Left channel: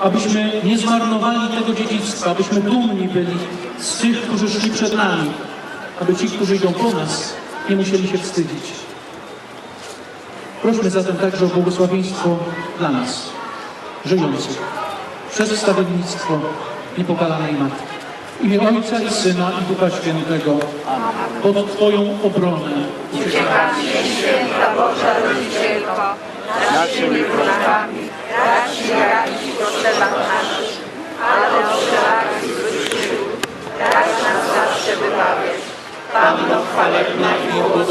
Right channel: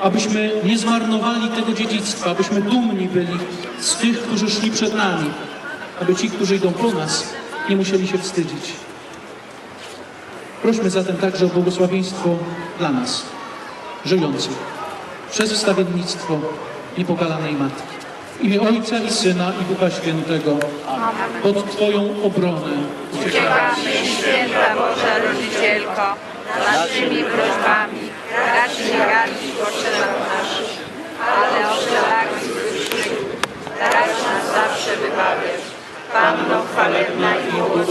abyśmy nie zmarnowali tego dziedzictwa, abyśmy dumni byli z tych, którzy szli przed nami, aby ci, którzy idą po nas, nie musieli się wstydzić. Prośmy zatem także o błogosławieństwo dla nas, żyjących, przez wstawiennictwo niepokalanej Matki. W imię Ojca i Syna i Ducha Świętego, pod Twoją obronę. Święta Boża Rodzicielko, naszymi prośbami,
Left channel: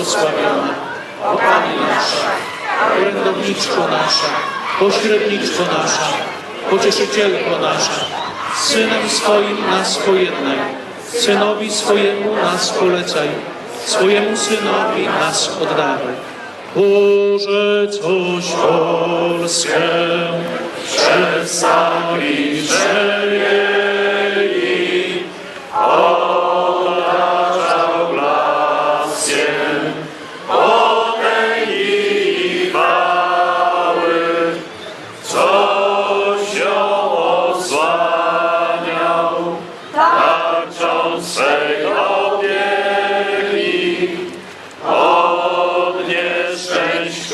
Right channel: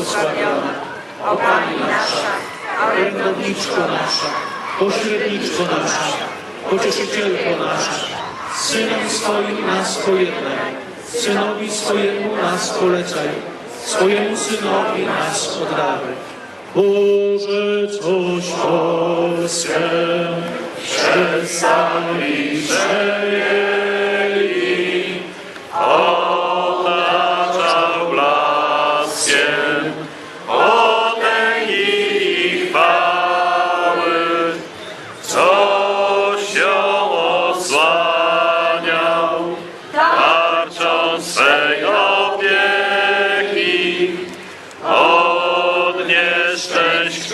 błogosławiona, o Pani nasza, orędowniczko nasza, pośredniczko nasza, pocieszycielko nasza, Synem swoim nas pojednaj, Synowi swojemu nas polecaj, swojemu Synowi nas oddawaj. Boże, coś Polskę przez sami swej opieki, od nieszczęść,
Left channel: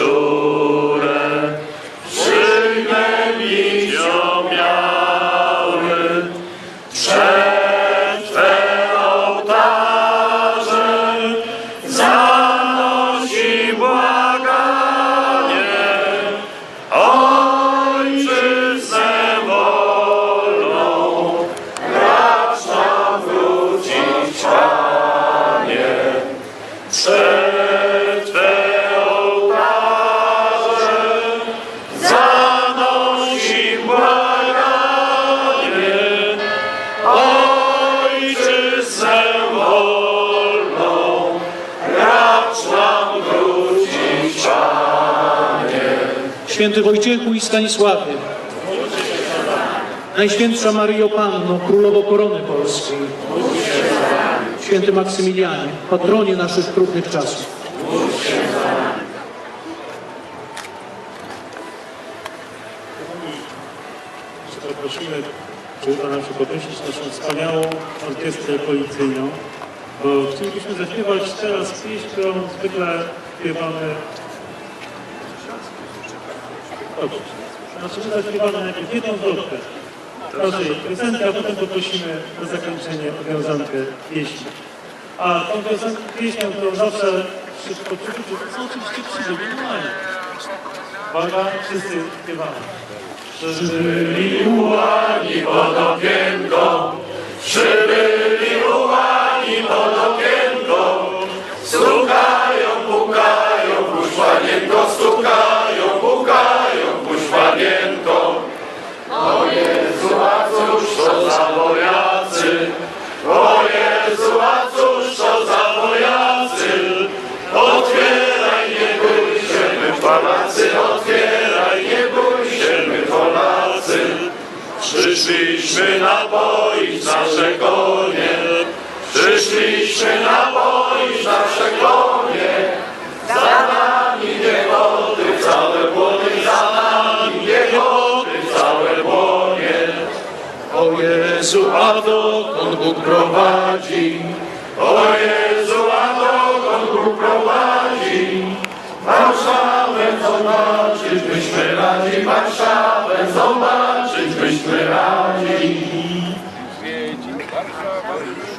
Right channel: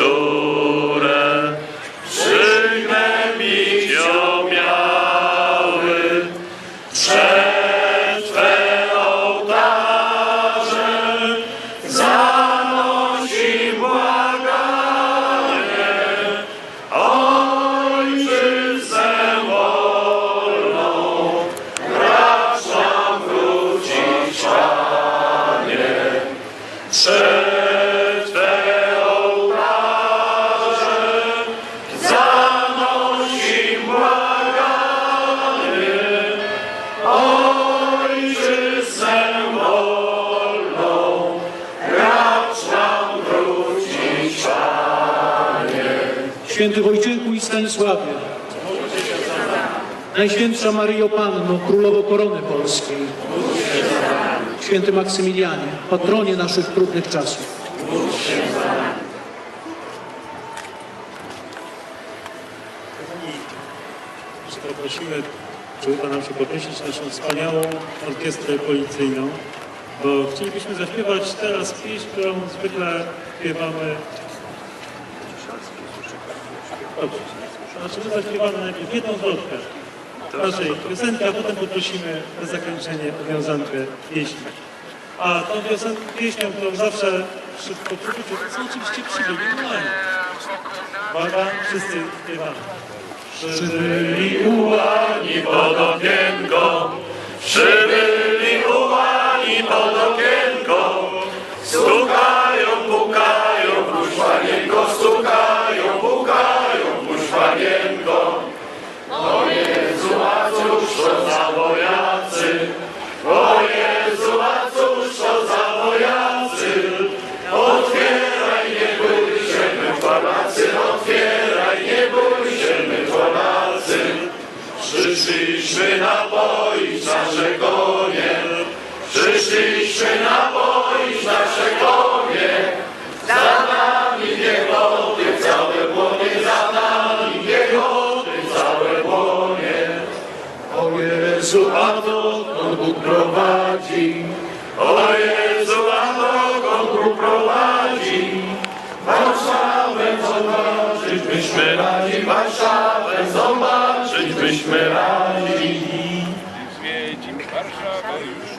Święty Wojciechu i Stanisławie, Najświętsza Maryjo Panno, Królowo Korony Polskiej, Święty Maksymilianie, patronie naszych trudnych czasów. Poprosimy, żeby Pana nam się poprosić naszą wspaniałą orkiestrę policyjną, bo chcielibyśmy zaśpiewać teraz pieśń, którą zwykle śpiewamy. Dobrze. Znaczy my zaśpiewamy najpierw jedną zwrotkę naszej piosenki, a potem poprosimy na zakończenie o wiązankę pieśni. A tą piosenkę, pieśnią, którą zawsze przy, po przybyciu, to są oczywiście przybyli normalnie. Uwaga, wszyscy śpiewamy. Przybyli ułani pod okienko, przybyli ułani pod okienko, stukają, pukają, puść panienko, cóż to za o Jezu, a cóż to za wojacy, otwieraj, nie bój się, my Polacy, otwieraj, nie bój się, my Polacy. Przyszliśmy napoić nasze konie, Jezu, a dokąd Bóg prowadzi? O Jezu, a dokąd Bóg prowadzi? Warszawę zobaczyć byśmy radi, Warszawę zobaczyć byśmy radi. Zwiedzi Warszawa już.